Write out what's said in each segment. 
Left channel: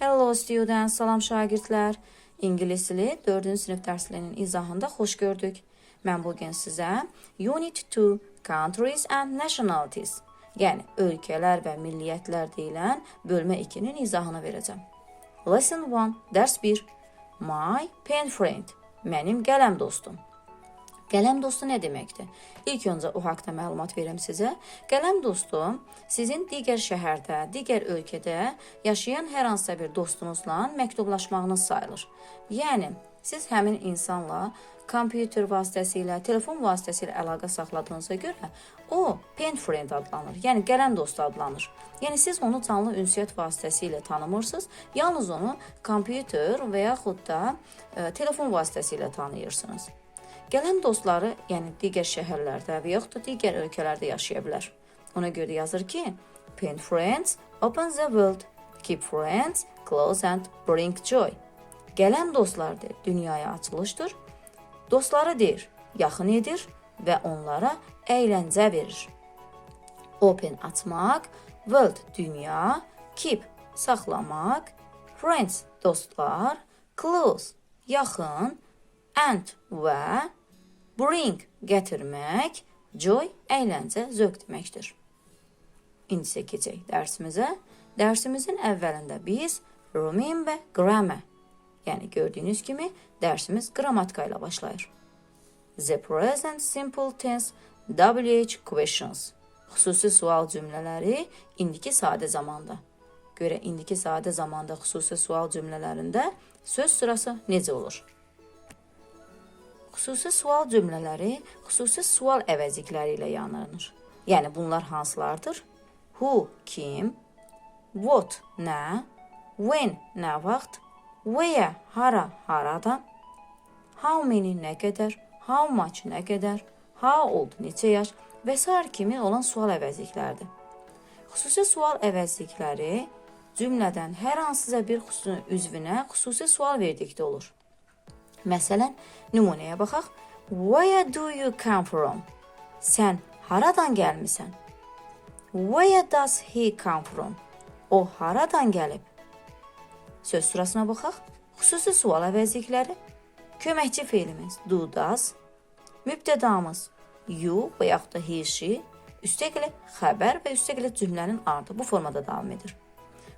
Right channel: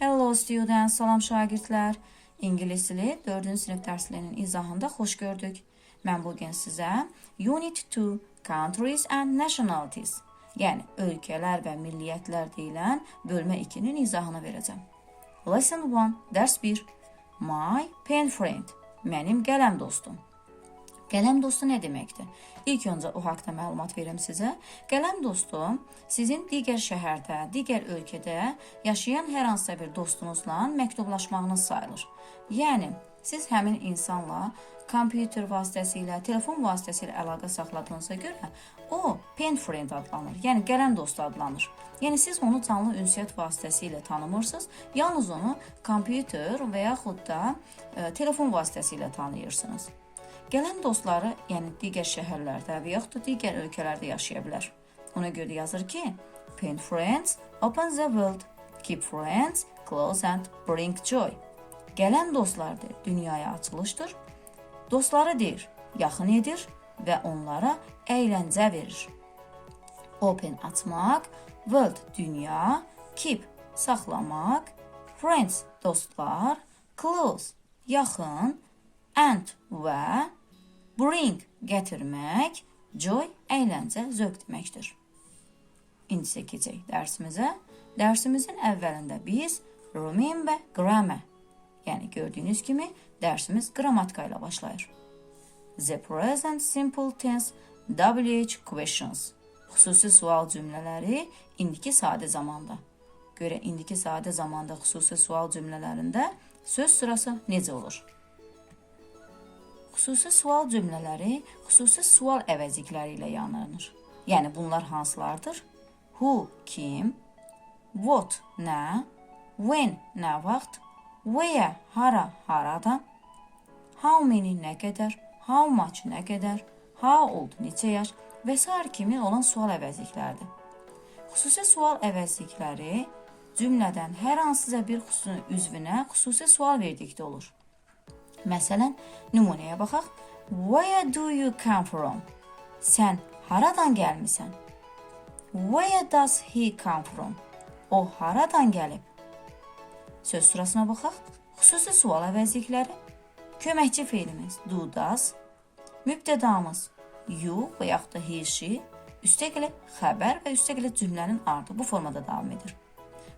Hello students, salam şagirdlər. İngilis dili 4-cü sinif izahında xoş gördük. Mən bu gün sizə Unit 2 Countries and Nationalities, yəni ölkələr və milliyyətlər deyilən bölmə 2-nin izahını verəcəm. Lesson 1, dərs 1. My pen friend, mənim qələm dostum. Qələm dostu nə deməkdir? İlk öncə o haqqda məlumat verim sizə. Qələm dostu sizin digər şəhərdə, digər ölkədə yaşayan hər hansısa bir dostunuzla məktublaşmağınız sayılır. Yəni siz həmin insanla kompüter vasitəsilə, telefon vasitəsilə əlaqə saxladığınıza görə o pen friend adlanır. Yəni qələm dostu adlanır. Yəni siz onu canlı ünsiyyət vasitəsilə tanımırsınız. Yalnız onu kompüter və yaxud da e, telefon vasitəsilə tanıyırsınız. Gələn dostları, yəni digər şəhərlərdə və yaxud da digər ölkələrdə yaşaya bilər. Ona görə yazır ki, Pen friends open the world, keep friends close and bring joy. Gələn dostlardır, dünyaya açılışdır. Dostları deyir, yaxın edir və onlara əyləncə verir. Open açmaq, world dünya, keep saxlamaq, friends dostlar, close yaxın, and və bring gətirmək, joy əyləncə, zövq deməkdir. İndi keçək dərsimizə. Dərsimizin əvvəlində biz remember grammar, yəni gördüyünüz kimi dərsimiz qrammatika ilə başlayır. The present simple tense WH questions. Xüsusi sual cümlələri indiki sadə zamanda. Görə indiki sadə zamanda xüsusi sual cümlələrində söz sırası necə olur? Xüsusi sual cümlələri xüsusi sual əvəzlikləri ilə yanılır. Yəni bunlar hansılardır? Who kim? What nə? When nə vaxt? Where hara harada? How many nə qədər? How much nə qədər? How old neçə yaş? Və sair kimi olan sual əvəzlikləridir. Xüsusi sual əvəzlikləri cümlədən hər hansısa bir xüsusi üzvünə xüsusi sual verdikdə olur. Məsələn, nümunəyə baxaq. Where do you come from? Sən haradan gəlmisən? Where does he come from? O haradan gəlib? Söz sırasına baxaq. Xüsusi sual əvəzlikləri. Köməkçi feilimiz do, does. Mübtədamız you və yaxud da he, she. Üstəgələ xəbər və üstəgələ cümlənin ardı bu formada davam edir.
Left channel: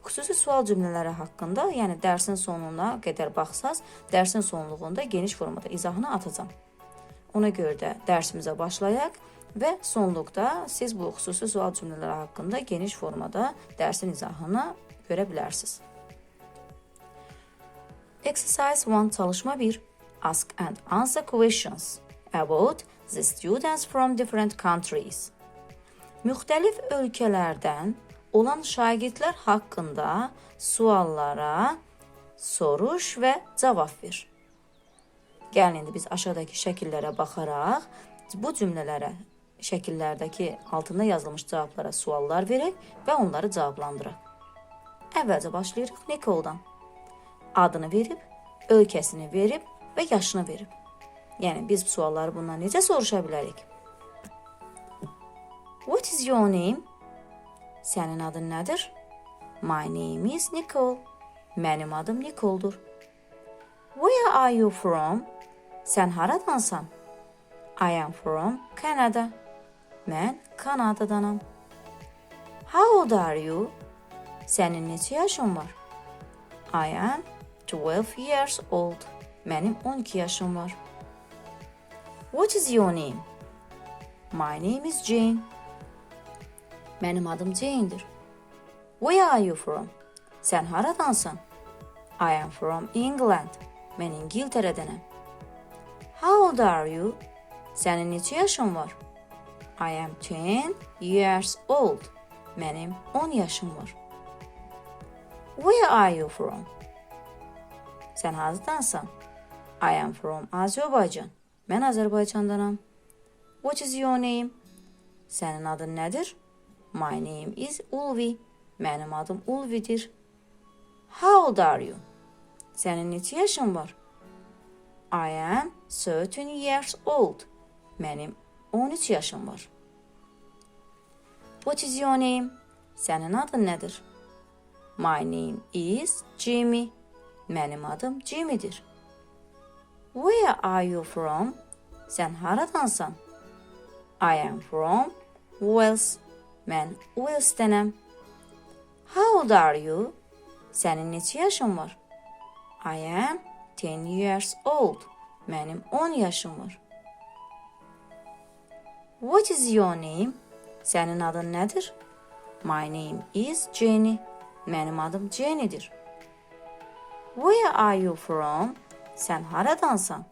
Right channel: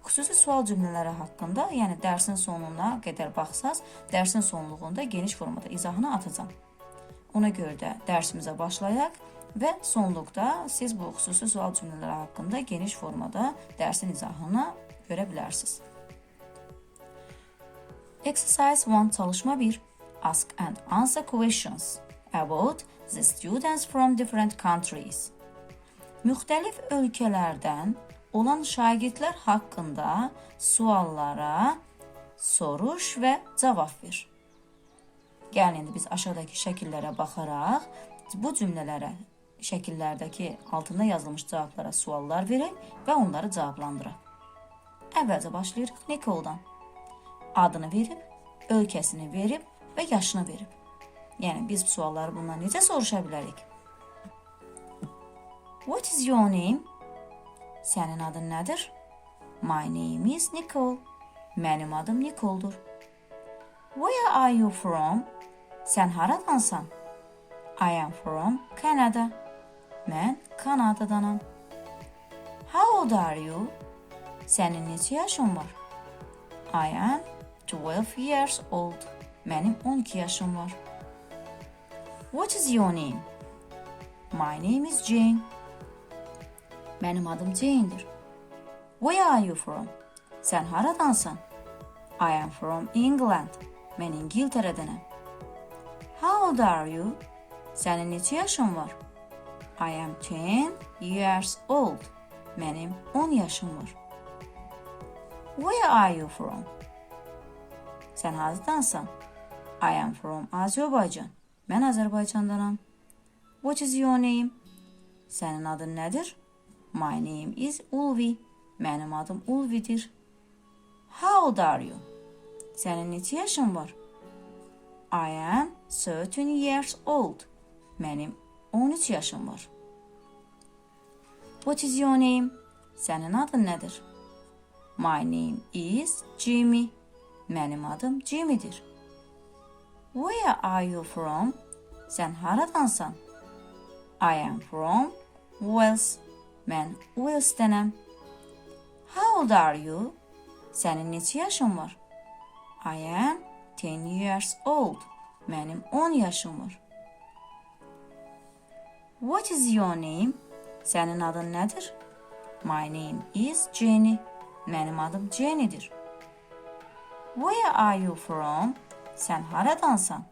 Xüsusi sual cümlələri haqqında, yəni dərsin sonuna qədər baxsaz, dərsin sonluğunda geniş formada izahını atacağam. Ona görə də dərsimizə başlayaq və sonluqda siz bu xüsusi sual cümlələri haqqında geniş formada dərsin izahını görə bilərsiniz. Exercise 1 çalışma 1. Ask and answer questions about the students from different countries. Müxtəlif ölkələrdən olan şagirdlər haqqında suallara soruş və cavab ver. Gəlin biz aşağıdakı şəkillərə baxaraq bu cümlələrə şəkillərdəki altında yazılmış cavablara suallar verək və onları cavablandıraq. Əvvəlcə başlayırıq Nikoldan. Adını verib, ölkəsini verib və yaşını verib. Yəni biz bu sualları bundan necə soruşa bilərik? What is your name? Sənin adın nədir? My name is Nicole. Mənim adım Nicole'dur. Where are you from? Sən haradansan? I am from Canada. Mən Kanadadanam. How old are you? Sənin neçə yaşın var? I am 12 years old. Mənim 12 yaşım var. What is your name? My name is Jane. Mənim adım Jane-dir. Where are you from? Sən haradansan? I am from England. Mən İngiltərədənəm. How old are you? Sənin neçə yaşın var? I am 10 years old. Mənim 10 yaşım var. Where are you from? Sən hardansan? I am from Azərbaycan. Mən Azərbaycandanam. What is your name? Sənin adın nədir? My name is Ulvi. Mənim adım Ulvidir. How old are you? Sənin neçə yaşın var? I am 13 years old. Mənim 13 yaşım var. What is your name? Sənin adın nədir? My name is Jimmy. Mənim adım Jimmy'dir. Where are you from? Sən haradansan? I am from Wales. Mən Wales'tənəm. How old are you? Sənin neçə yaşın var? I am 10 years old. Mənim 10 yaşım var. What is your name? Sənin adın nədir? My name is Jenny. Mənim adım Jenny'dir. Where are you from? Sən haradansan?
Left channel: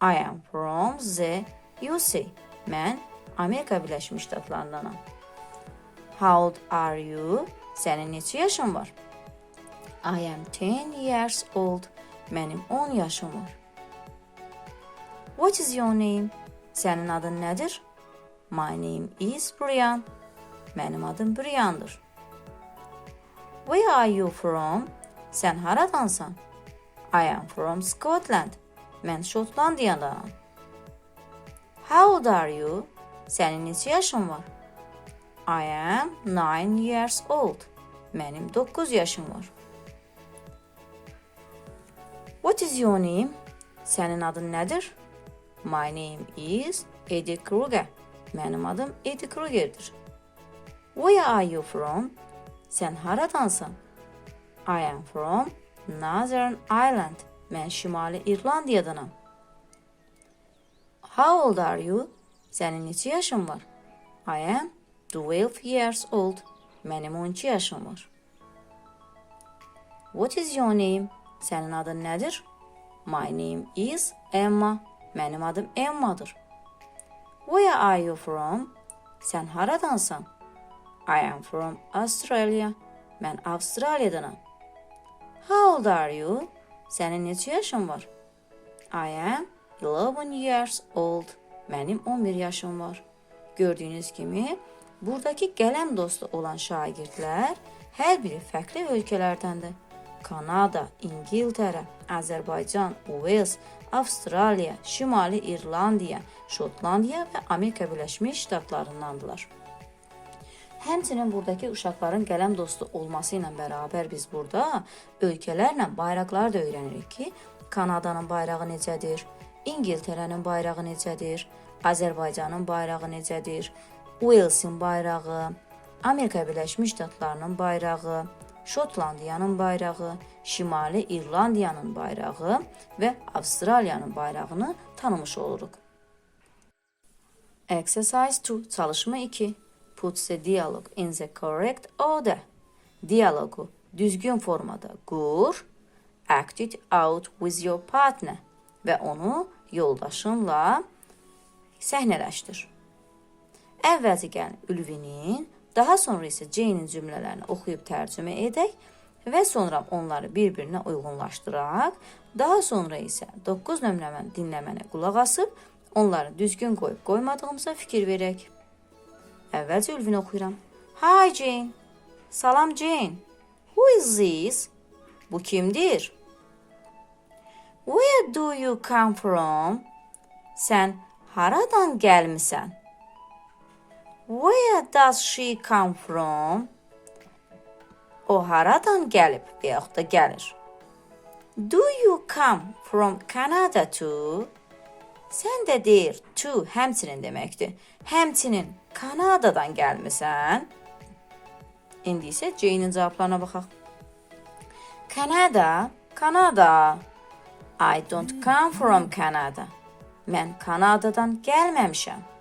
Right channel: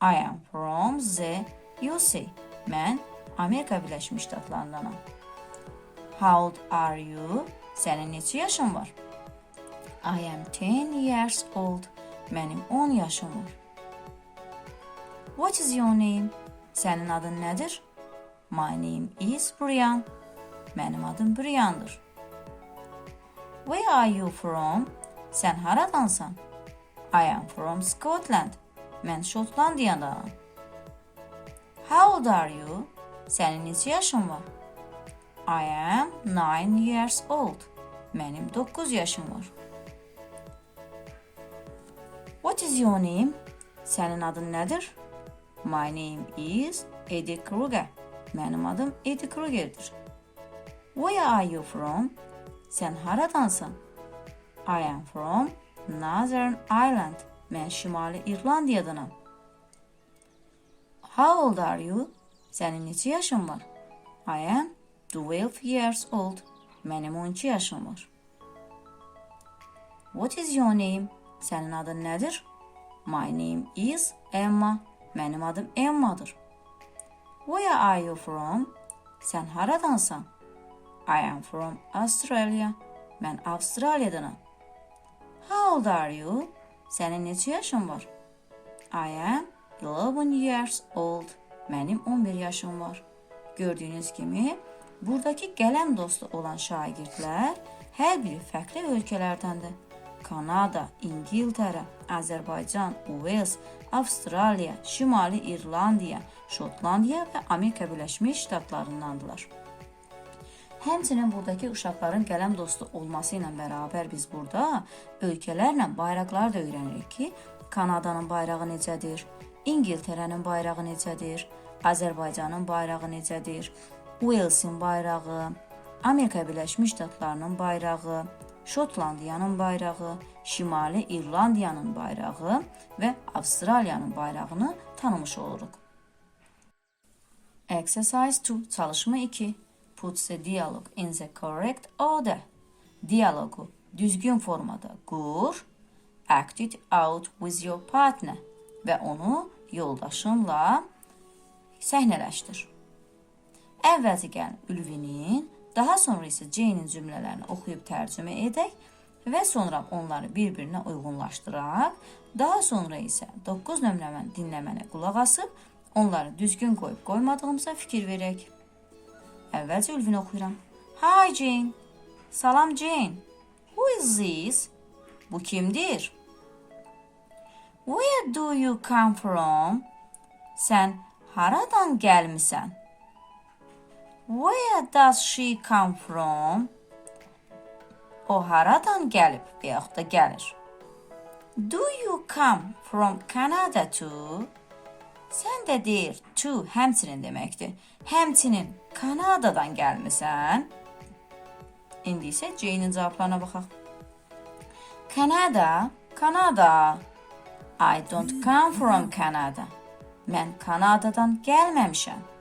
I am from the USA. Mən Amerika Birləşmiş Ştatlarındanam. How old are you? Sənin neçə yaşın var? I am 10 years old. Mənim 10 yaşım var. What is your name? Sənin adın nədir? My name is Brian. Mənim adım Briandır. Where are you from? Sən haradansan? I am from Scotland. Mən Şotlandiyadanam. How old are you? Sənin neçə yaşın var? I am 9 years old. Mənim 9 yaşım var. What is your name? Sənin adın nədir? My name is Eddie Kruger. Mənim adım Eddie Kruger'dir. Where are you from? Sən haradansan? I am from Northern Ireland. Mən Şimali İrlandiyadanam. How old are you? Sənin neçə yaşın var? I am 12 years old. Mənim 12 yaşım var. What is your name? Sənin adın nədir? My name is Emma. Mənim adım Emma'dır. Where are you from? Sən haradansan? I am from Australia. Mən Avstraliyadanam. How old are you? Sənin neçə yaşın var? I am 11 years old. Mənim 11 yaşım var. Gördüyünüz kimi, buradakı qələm dostu olan şagirdlər hər biri fərqli ölkələrdəndir. Kanada, İngiltərə, Azərbaycan, Wales, Avstraliya, Şimali İrlandiya, Şotlandiya və Amerika Birləşmiş Ştatlarındandılar. Həmçinin buradakı uşaqların qələm dostu olması ilə bərabər biz burada ölkələrlə bayraqları da öyrənirik ki, Kanadanın bayrağı necədir, İngiltərənin bayrağı necədir, Azərbaycanın bayrağı necədir, Walesin bayrağı, Amerika Birləşmiş Ştatlarının bayrağı, Şotlandiyanın bayrağı, Şimali İrlandiyanın bayrağı və Avstraliyanın bayrağını tanımış oluruq. Exercise 2. Çalışma 2. Put the dialogue in the correct order. Diyalogu düzgün formada qur. Act it out with your partner və onu yoldaşınla səhnələşdir. Əvvəlcə gəlin Ülvinin, daha sonra isə Jane-in cümlələrini oxuyub tərcümə edək və sonra onları bir-birinə uyğunlaşdıraq. Daha sonra isə 9 nömrəməni dinləmənə qulaq asıb onları düzgün qoyub qoymadığımıza fikir verək. Əvvəlcə Ülvini oxuyuram. Hi Jane. Salam Jane. Who is this? Bu kimdir? Where do you come from? Sən haradan gəlmisən? Where does she come from? O haradan gəlib və yaxud da gəlir? Do you come from Canada too? Sən də deyir to həmçinin deməkdir. Həmçinin Kanadadan gəlmisən? İndi isə Jane-in cavablarına baxaq. Kanada, Kanada. I don't come from Canada. Mən Kanadadan gəlməmişəm.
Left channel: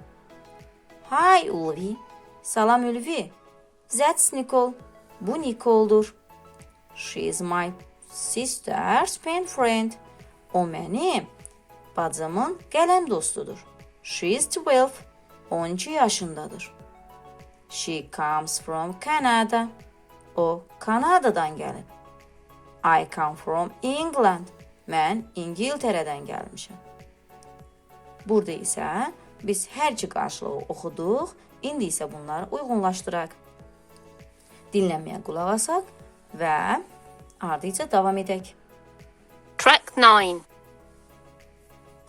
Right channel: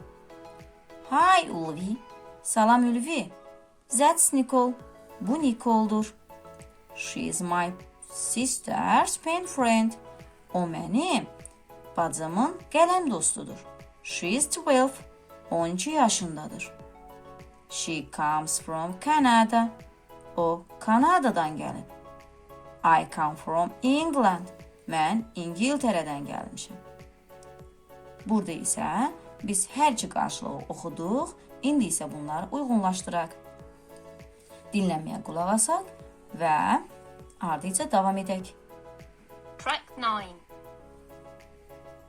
Hi Ulvi. Salam Ülvi. That's Nicole. Bu Nicole'dur. She is my sister's pen friend. O mənim bacımın qələm dostudur. She is 12. 12 yaşındadır. She comes from Canada. O Kanadadan gəlib. I come from England. Mən İngiltərədən gəlmişəm. Burada isə biz hər iki qarşılığı oxuduq. İndi isə bunları uyğunlaşdıraq. Dinləməyə qulaq asaq və ardınca davam edək. Track 9.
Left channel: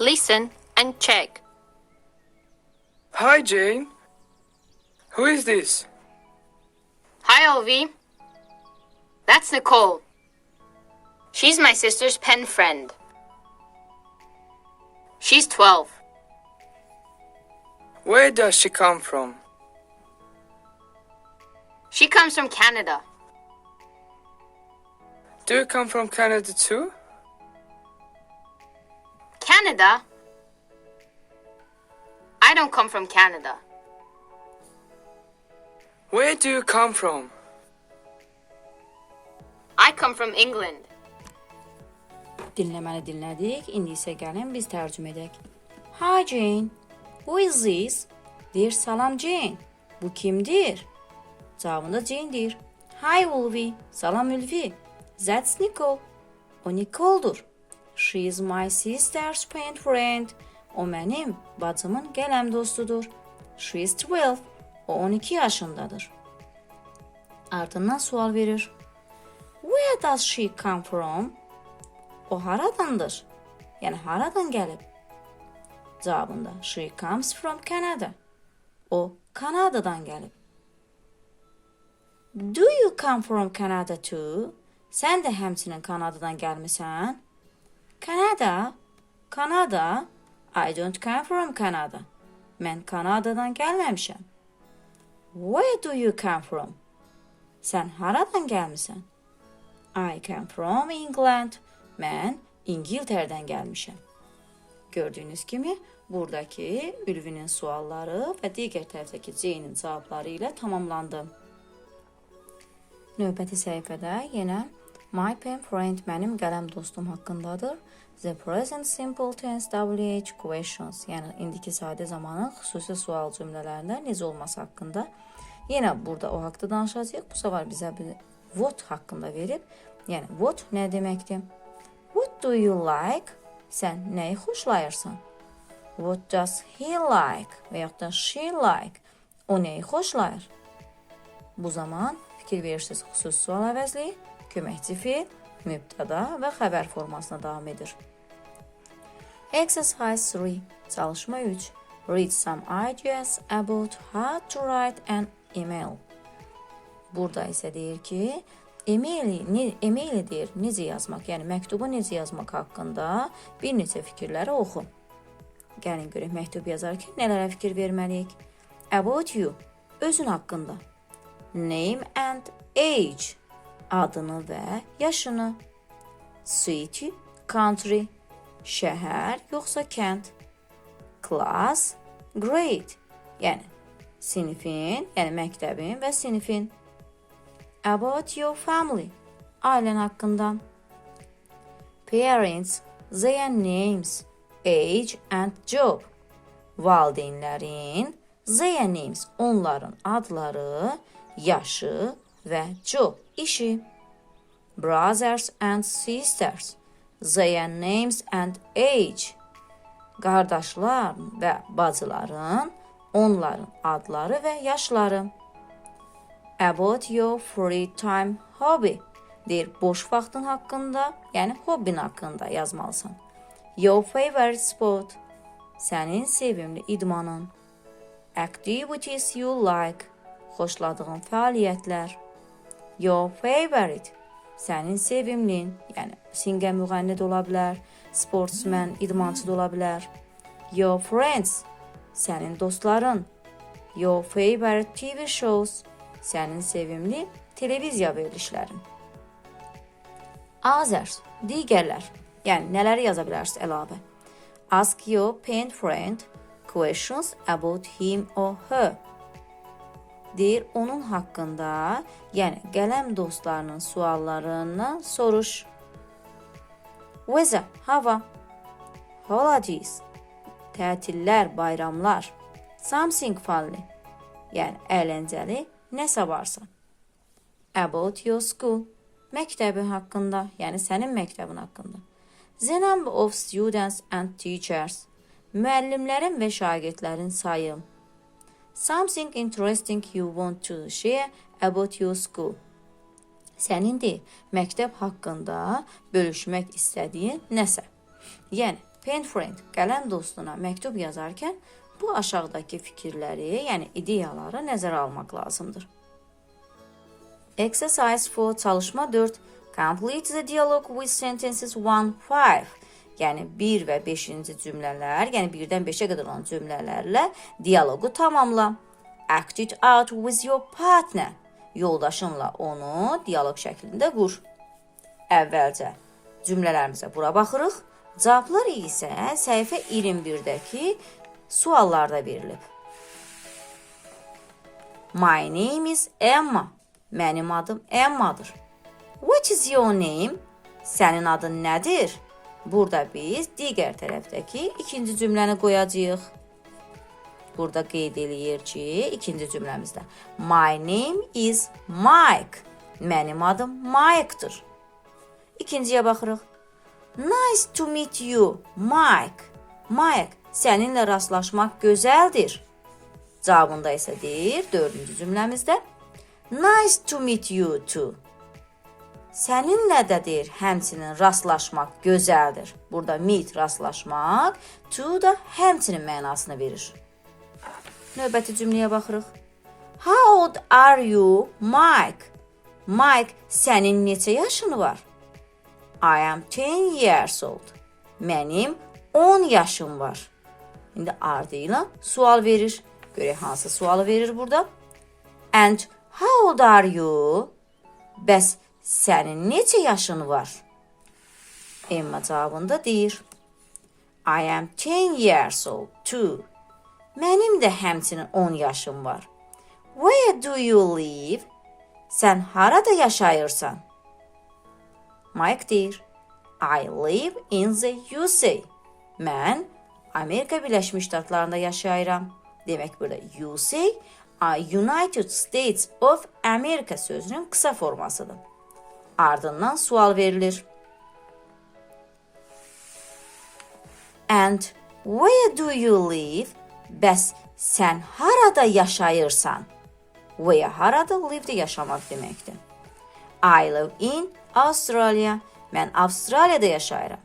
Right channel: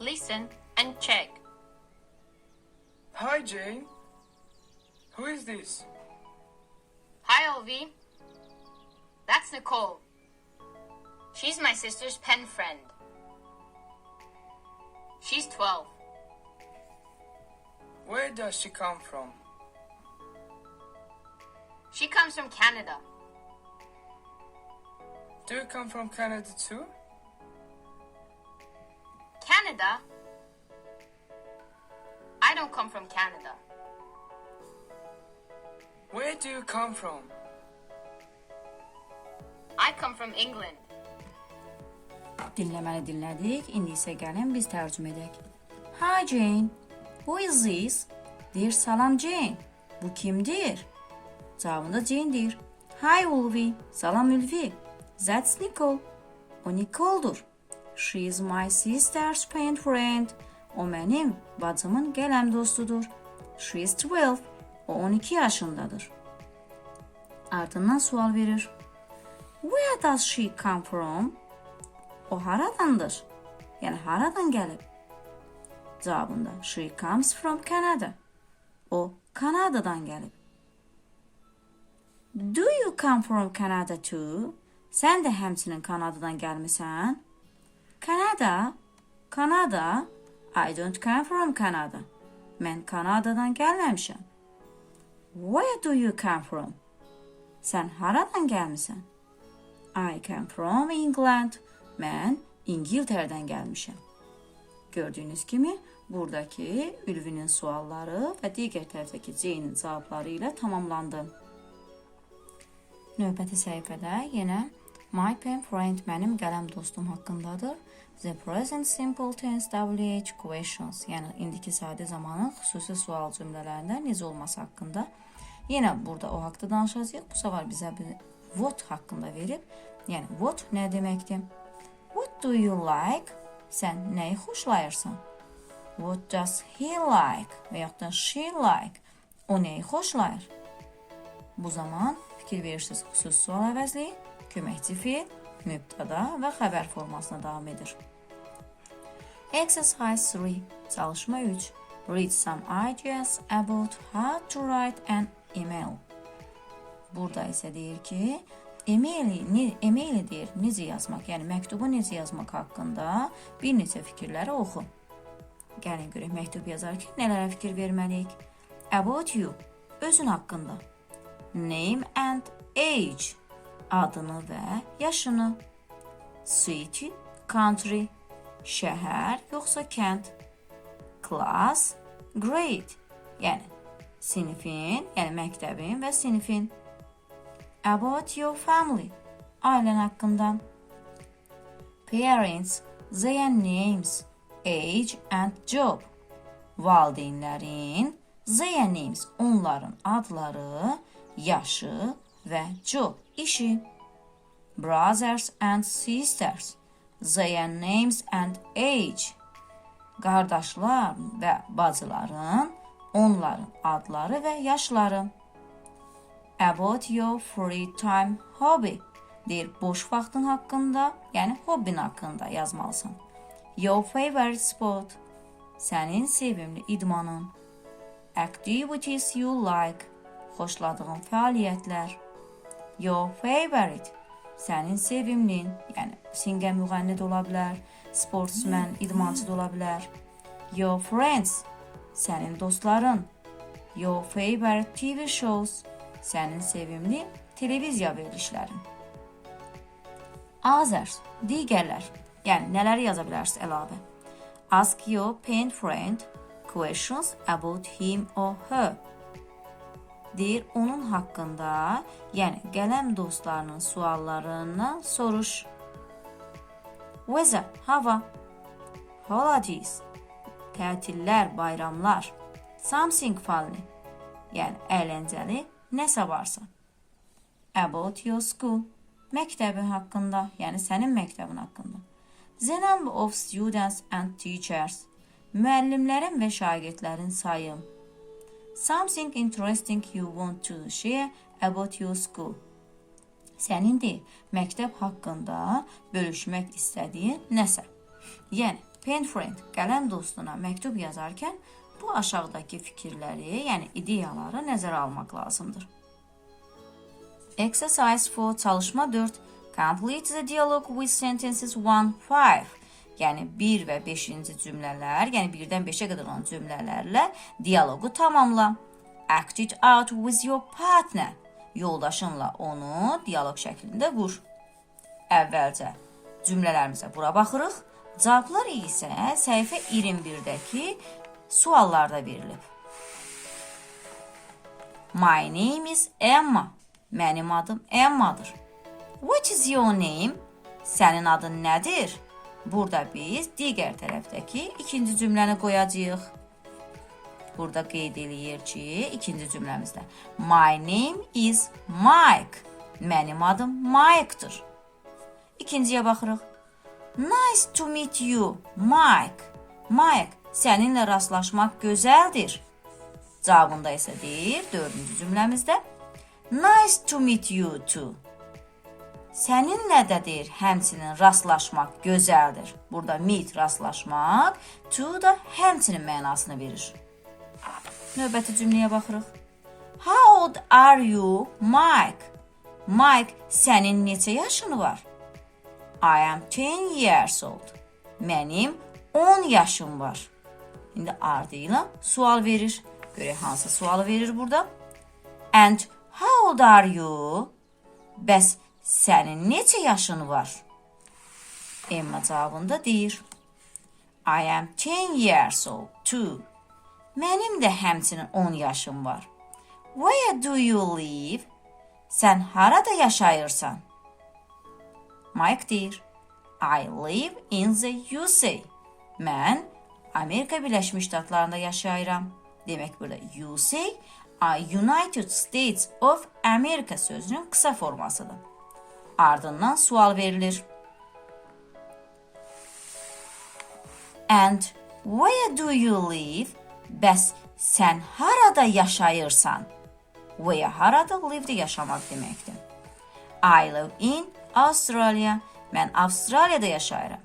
Listen and check. Hi, Jane. Who is this? Hi, Olvi. That's Nicole. She's my sister's pen friend. She's 12. Where does she come from? She comes from Canada. Do you come from Canada too? Canada? I don't come from Canada. Where do you come from? I come from England. Dinləməni dinlədik. İndi isə gəlin biz tərcümə edək. Hi Jane. Who is this? Deyir salam Jane. Bu kimdir? Cavabında Jane deyir. Hi Ulvi. Salam Ülvi. That's Nicole. O Nicole'dur. She is my sister's pen friend. O mənim bacımın qələm dostudur. She is 12. O 12 yaşındadır. Ardından sual verir. Where does she come from? O haradandır? Yəni haradan gəlib? Cavabında she comes from Canada. O Kanadadan gəlib. Do you come from Canada too? Sən də həmçinin Kanadadan gəlmisən? Kanada? Kanada? I don't come from Canada. Mən Kanadadan gəlməmişəm. Where do you come from? Sən haradan gəlmisən? I come from England. Mən İngiltərədən gəlmişəm. Gördüyünüz kimi buradakı Ülvinin sualları və digər tərəfdəki Jane-in cavabları ilə tamamlandı. Növbəti səhifədə yenə My pen friend mənim qələm dostum haqqındadır. The present simple tense WH questions, yəni indiki sadə zamanın xüsusi sual cümlələrində necə olması haqqında. Yenə burada o haqqda danışacağıq. Bu səfər bizə bir what haqqında verib. Yəni what nə deməkdir? What do you like? Sən nəyi xoşlayırsan? What does he like? Və yaxud da she like? O nəyi xoşlayır? Bu zaman fikir verirsiniz xüsusi sual əvəzli, köməkçi feil, mübtəda və xəbər formasına davam edir. Exercise 3. Çalışma 3. Read some ideas about how to write an email. Burada isə deyir ki, e-maili, ne- e-maili deyir necə yazmaq, yəni məktubu necə yazmaq haqqında bir neçə fikirləri oxu. Gəlin görək məktub yazarkən nələrə fikir verməliyik? About you, özün haqqında. Name and age, adını və yaşını. City, country, şəhər yoxsa kənd. Class, grade, yəni sinifin, yəni məktəbin və sinifin. About your family, ailən haqqında. Parents, their names, age and job. Valideynlərin, their names, onların adları, yaşı və job, işi. Brothers and sisters, their names and age. Qardaşlar və bacıların, onların adları və yaşları. About your free time hobby. Deyir, boş vaxtın haqqında, yəni hobbin haqqında yazmalısan. Your favorite sport. Sənin sevimli idmanın. Activities you like. Xoşladığın fəaliyyətlər. Your favorite. Sənin sevimlin, yəni singə müğənni də ola bilər, sportsmen, idmançı da ola bilər. Your friends. Sənin dostların. Your favorite TV shows. Sənin sevimli televiziya verilişlərin. Others, digərlər. Yəni nələri yaza bilərsiniz əlavə? Ask your pen friend questions about him or her. Deyir onun haqqında, yəni qələm dostlarının suallarından soruş. Weather, hava. Holidays, tətillər, bayramlar. Something funny, yəni əyləncəli, nəsə varsa. About your school, məktəbi haqqında, yəni sənin məktəbin haqqında. The number of students and teachers, müəllimlərin və şagirdlərin sayı. Something interesting you want to share about your school. Sənin də məktəb haqqında bölüşmək istədiyin nəsə. Yəni, pen friend, qələm dostuna məktub yazarkən bu aşağıdakı fikirləri, yəni ideyaları nəzərə almaq lazımdır. Exercise 4 çalışma 4. Complete the dialogue with sentences 1-5. Yəni 1 və 5-ci cümlələr, yəni 1-dən 5-ə qədər olan cümlələrlə dialoqu tamamla. Act it out with your partner. Yoldaşınla onu dialoq şəklində qur. Əvvəlcə cümlələrimizə bura baxırıq. Cavablar isə səhifə 21-dəki suallarda verilib. My name is Emma. Mənim adım Emma'dır. What is your name? Sənin adın nədir? Burada biz digər tərəfdəki ikinci cümləni qoyacağıq. Burada qeyd eləyir ki, ikinci cümləmizdə My name is Mike. Mənim adım Mike'dır. İkinciyə baxırıq. Nice to meet you, Mike. Mike, səninlə rastlaşmaq gözəldir. Cavabında isə deyir, dördüncü cümləmizdə Nice to meet you too. Səninlə də deyir, həmçinin rastlaşmaq gözəldir. Burada meet rastlaşmaq, to da həmçinin mənasını verir. Növbəti cümləyə baxırıq. How old are you, Mike? Mike, sənin neçə yaşın var? I am 10 years old. Mənim 10 yaşım var. İndi ardı ilə sual verir. Görək hansı sualı verir burada? And how old are you? Bəs sənin neçə yaşın var? Emma cavabında deyir. I am 10 years old too. Mənim də həmçinin 10 yaşım var. Where do you live? Sən harada yaşayırsan? Mike deyir. I live in the USA. Mən Amerika Birləşmiş Ştatlarında yaşayıram. Demək burada USA United States of America sözünün qısa formasıdır. Ardından sual verilir. And where do you live? Bəs sən harada yaşayırsan? Where harada live-də yaşamaq deməkdir. I live in Australia. Mən Avstraliyada yaşayıram.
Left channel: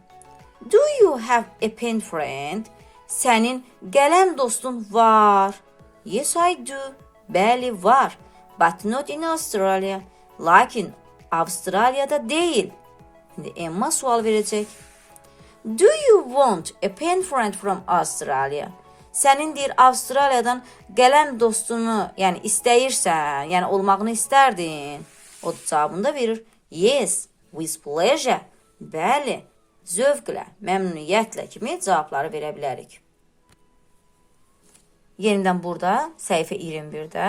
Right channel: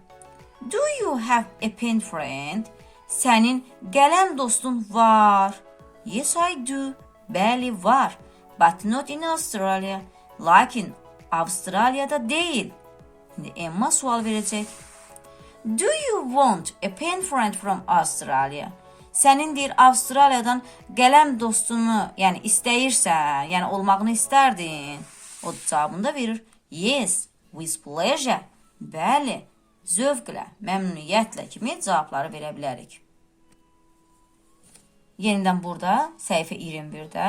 Do you have a pen friend? Sənin qələm dostun var. Yes, I do. Bəli, var. But not in Australia. Lakin Avustraliyada deyil. İndi Emma sual verəcək. Do you want a pen friend from Australia? Sənin deyir Avstraliyadan qələm dostunu, yəni istəyirsən, yəni olmağını istərdin. O da cavabında verir. Yes, with pleasure. Bəli, zövqlə, məmnuniyyətlə kimi cavabları verə bilərik. Yenidən burada səhifə 21-də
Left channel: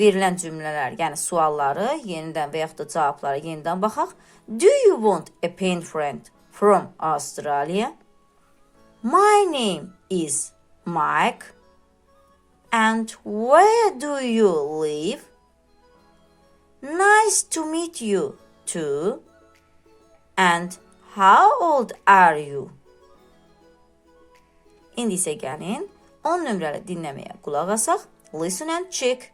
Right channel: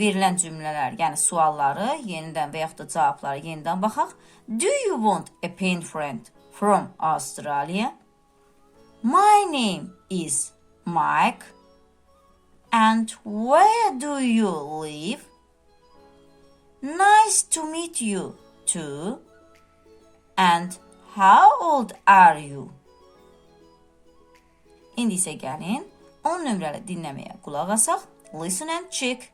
verilən cümlələr, yəni sualları yenidən və yaxud da cavablara yenidən baxaq. Do you want a pen friend from Australia? My name is Mike. And where do you live? Nice to meet you too. And how old are you? İndi isə gəlin 10 nömrəli dinləməyə qulaq asaq. Listen and check.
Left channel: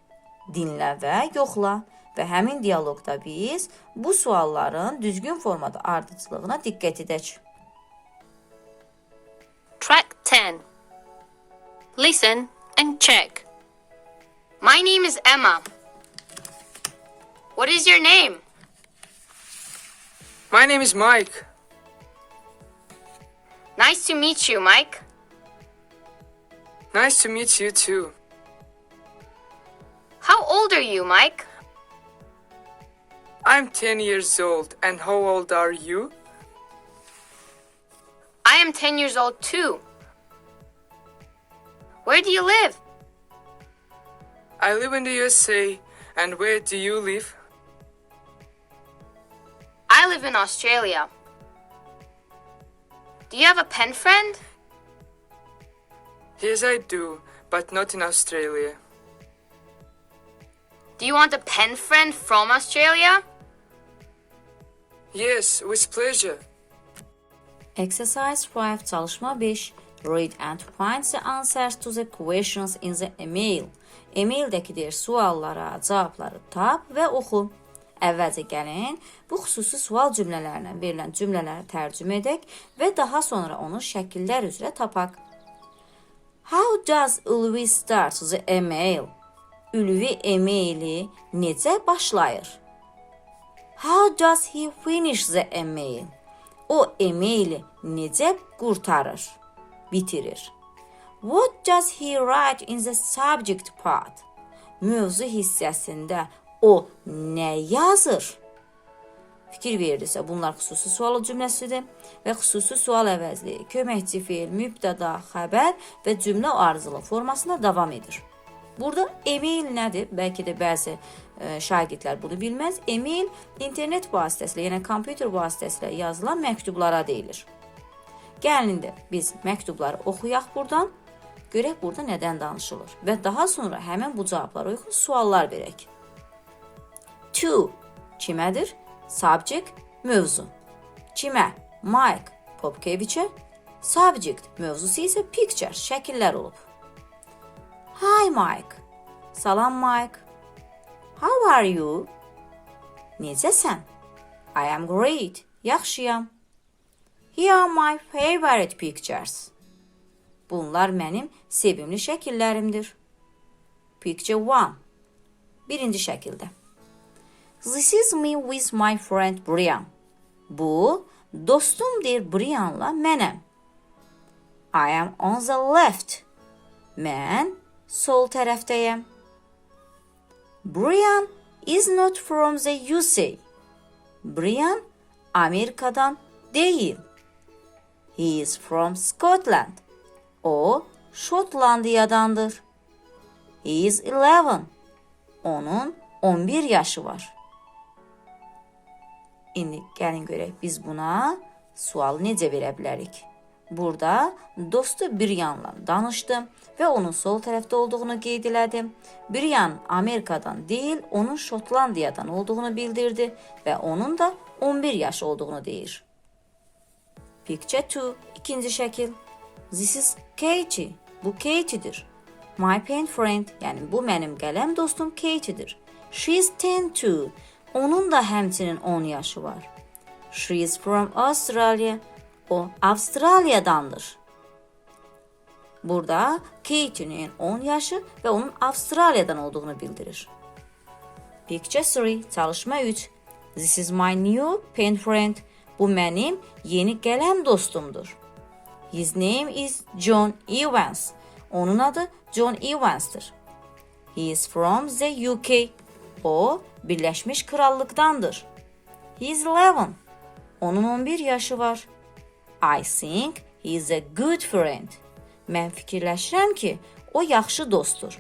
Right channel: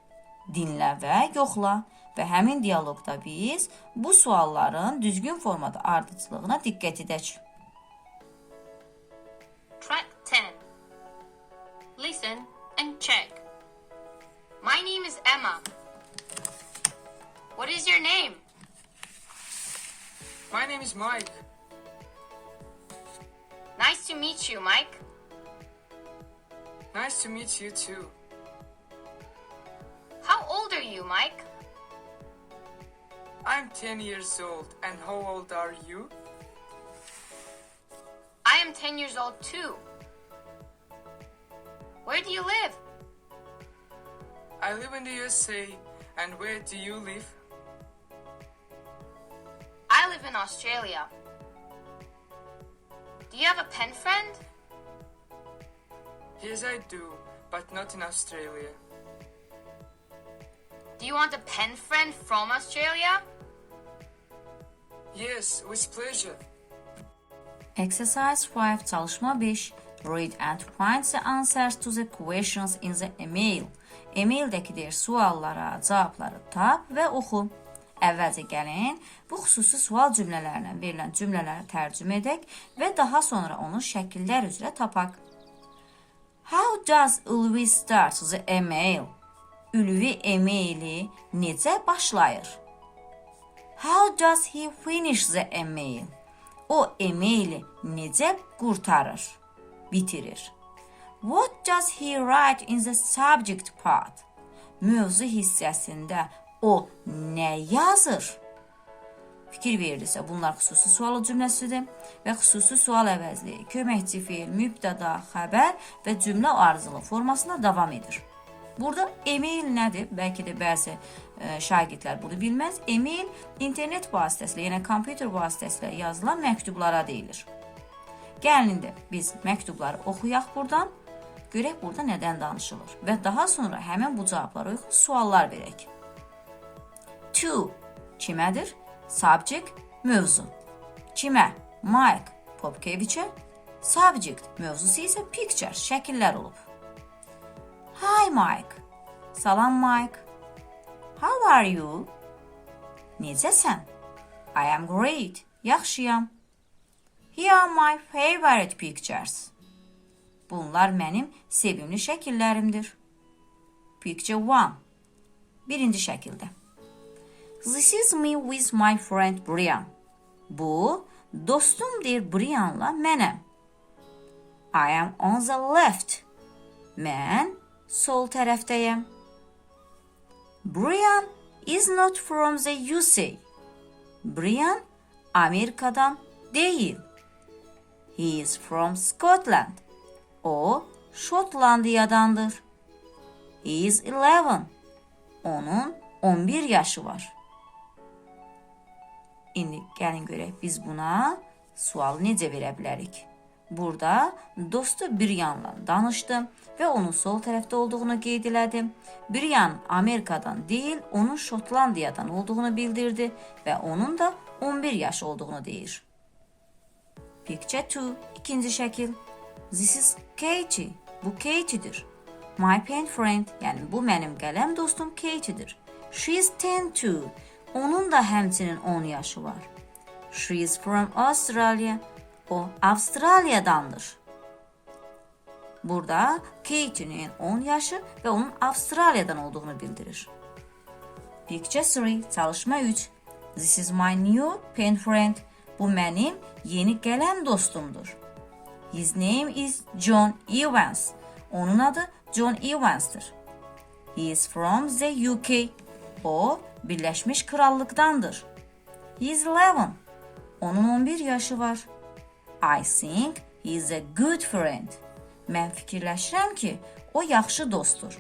Dinlə və yoxla. Və həmin dialoqda biz bu sualların düzgün formada ardıcılığına diqqət edək. Track 10. Listen and check. My name is Emma. What is your name? My name is Mike. Nice to meet you, Mike. Nice to meet you too. How old are you, Mike? I'm 10 years old. And how old are you? I am 10 years old too. Where do you live? I live in the USA. And where do you live? I live in Australia. Do you have a pen friend? Yes, I do, but not in Australia. Do you want a pen friend from Australia? Yes, with pleasure. Exercise 5 çalışma 5. Read and find the answers to the questions in the email. E-maildəki deyir suallara cavabları tap və oxu. Əvvəlcə gəlin bu xüsusi sual cümlələrinə verilən cümlələri tərcümə edək və daha sonra onu şəkillər üzrə tapaq. How does Ulvi start the email? Ülvi e-maili necə başlayır? How does he finish the email? O emaili necə qurtarır, bitirir? What does he write in the subject part? Mövzu hissəsində o nə yazır? Fikir verirsə, bunlar xüsusi sual cümləsidir və xüsusi sual əvəzli, köməkçi feil, mübtəda, xəbər və cümlə arzulu formasında davam edir. Burada email nədir? Bəlkə də bəzi e, şagirdlər bunu bilməz. Email internet vasitəsilə, yəni kompüter vasitəsilə yazılan məktublara deyilir. Gəlin indi biz məktubları oxuyaq burdan. Görək burada nədən danışılır və daha sonra həmin bu cavablara uyğun suallar verək. To kimədir? Subject mövzu. Kimə? Mike Popkeviçə. Subject mövzusu isə picture, şəkillər olub. Hi Mike. Salam Mike. How are you? Necəsən? I am great. Yaxşıyam. Here are my favorite pictures. Bunlar mənim sevimli şəkillərimdir. Picture 1. Birinci şəkildə. This is me with my friend Brian. Bu dostumdur Brianla mənəm. I am on the left. Mən sol tərəfdəyəm. Brian is not from the USA. Brian Amerikadan deyil. He is from Scotland. O Şotlandiyadandır. He is 11. Onun 11 yaşı var. İndi gəlin görək biz buna sual necə verə bilərik? Burada dostu Brianla danışdı və onun sol tərəfdə olduğunu qeyd elədi. Brian Amerikadan deyil, onun Şotlandiyadan olduğunu bildirdi və onun da 11 yaş olduğunu deyir. Picture 2, ikinci şəkil. This is Katie. Bu Katie'dir. My pen friend, yəni bu mənim qələm dostum Katie'dir. She is 10 too. Onun da həmçinin 10 yaşı var. She is from Australia. O Avustraliyadandır. Burada Katie'nin 10 yaşı və onun Avustraliyadan olduğunu bildirir. Picture 3, çalışma 3. This is my new pen friend. Bu mənim yeni qələm dostumdur. His name is John Evans. Onun adı John Evans'tır. He is from the UK. O Birləşmiş Krallıqdandır. He is 11. Onun 11 yaşı var. I think he is a good friend. Mən fikirləşirəm ki, o yaxşı dostdur.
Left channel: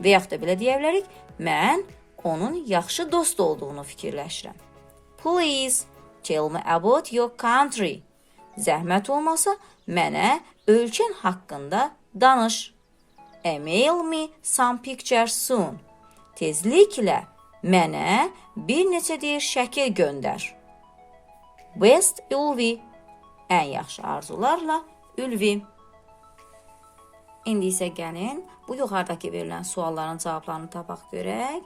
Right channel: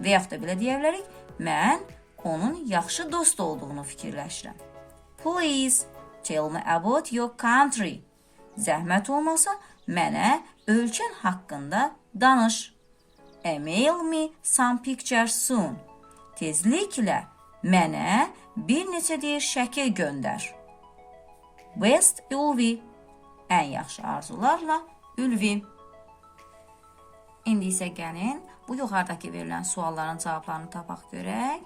Və yaxud da belə deyə bilərik, mən onun yaxşı dost olduğunu fikirləşirəm. Please tell me about your country. Zəhmət olmasa mənə ölkən haqqında danış. Email me some pictures soon. Tezliklə mənə bir neçə deyir şəkil göndər. Best Ülvi. Ən yaxşı arzularla Ülvi. İndi isə gəlin bu yuxarıdakı verilən sualların cavablarını tapaq görək.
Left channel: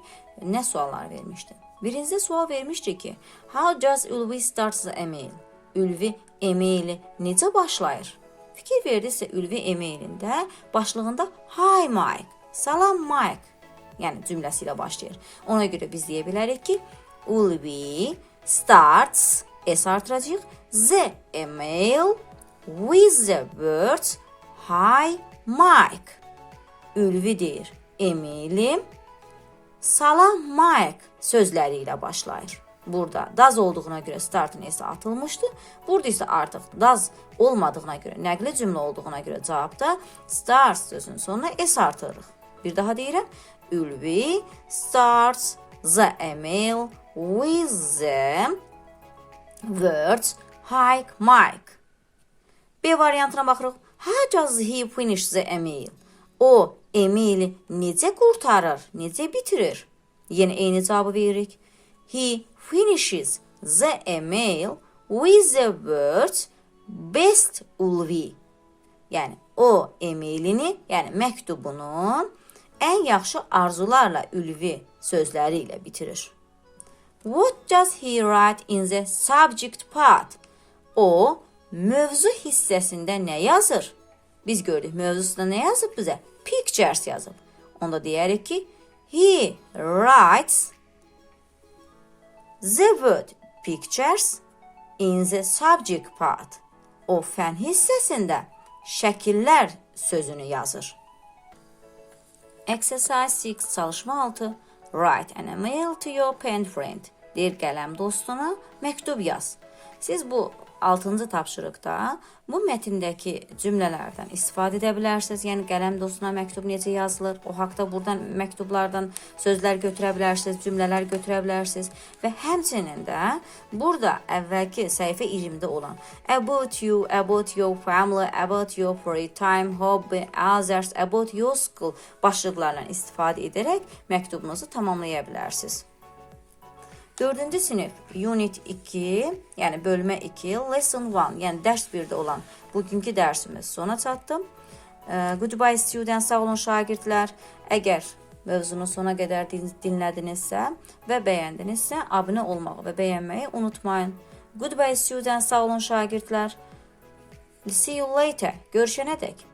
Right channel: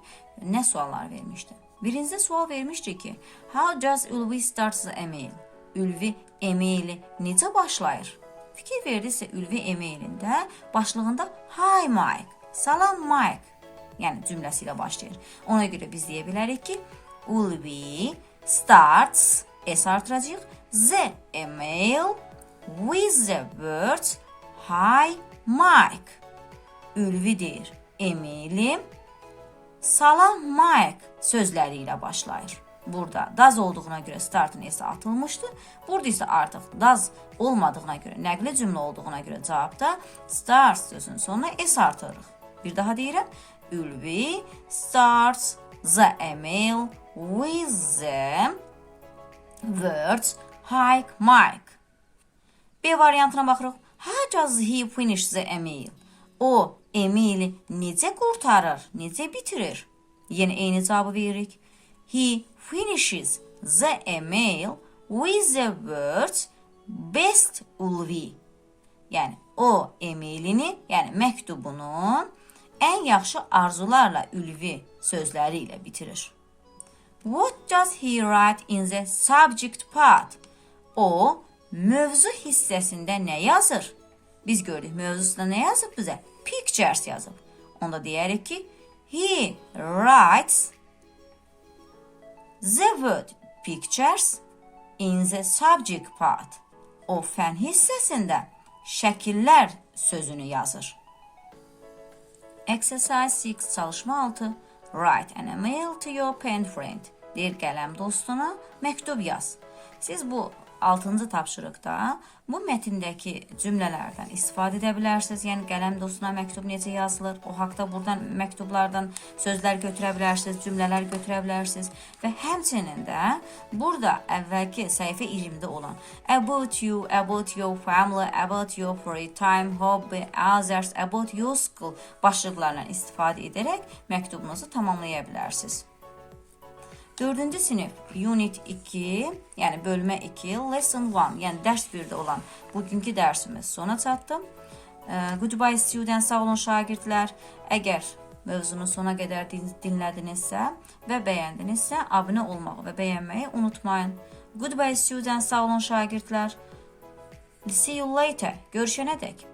Nə suallar vermişdi? Birinci sual vermişdi ki, How does Ülvi start the email? Ülvi emaili necə başlayır? Fikir verdisə Ülvi emailində başlığında Hi Mike, salam Mike yəni cümləsi ilə başlayır. Ona görə biz deyə bilərik ki, Ülvi starts s artıracağıq the email with the words Hi Mike. Ülvi deyir, emailim Salam Mike sözləri ilə başlayır. Burada daz olduğuna görə startın esi atılmışdı. Burada isə artıq daz olmadığına görə, nəqli cümlə olduğuna görə cavabda start sözünün sonuna s artırırıq. Bir daha deyirəm. Ülvi starts the email with the words Hi Mike. B variantına baxırıq. How does he finish the email? O emaili necə qurtarır, necə bitirir? Yenə eyni cavabı veririk. He finishes the email with the words best Ulvi. Yəni o emailini, yəni məktubunu ən yaxşı arzularla Ülvi sözləri ilə bitirir. What does he write in the subject part? O mövzu hissəsində nə yazır? Biz gördük mövzusunda nə yazıb bizə? Pictures yazıb. Onda deyərik ki, he writes the word pictures in the subject part. O fen hissəsində şəkillər sözünü yazır. Exercise 6 çalışma 6. Write an email to your pen friend. Bir qələm dostuna məktub yaz. Siz bu 6-cı tapşırıqda bu mətndəki cümlələrdən istifadə edə bilərsiniz. Yəni qələm dostuna məktub necə yazılır? O haqqda burdan məktublardan sözlər götürə bilərsiniz, cümlələr götürə bilərsiniz və həmçinin də burada əvvəlki səhifə 20-də olan about you, about your family, about your free time, hobby, others, about your school başlıqlarla istifadə edərək məktubunuzu tamamlaya bilərsiniz. 4-cü sinif Unit 2, yəni bölmə 2, Lesson 1, yəni dərs 1-də olan bugünkü dərsimiz sona çatdı. Ee, Goodbye students, sağ olun şagirdlər. Əgər mövzunu sona qədər din- dinlədinizsə və bəyəndinizsə, abunə olmağı və bəyənməyi unutmayın. Goodbye students, sağ olun şagirdlər. See you later. Görüşənədək.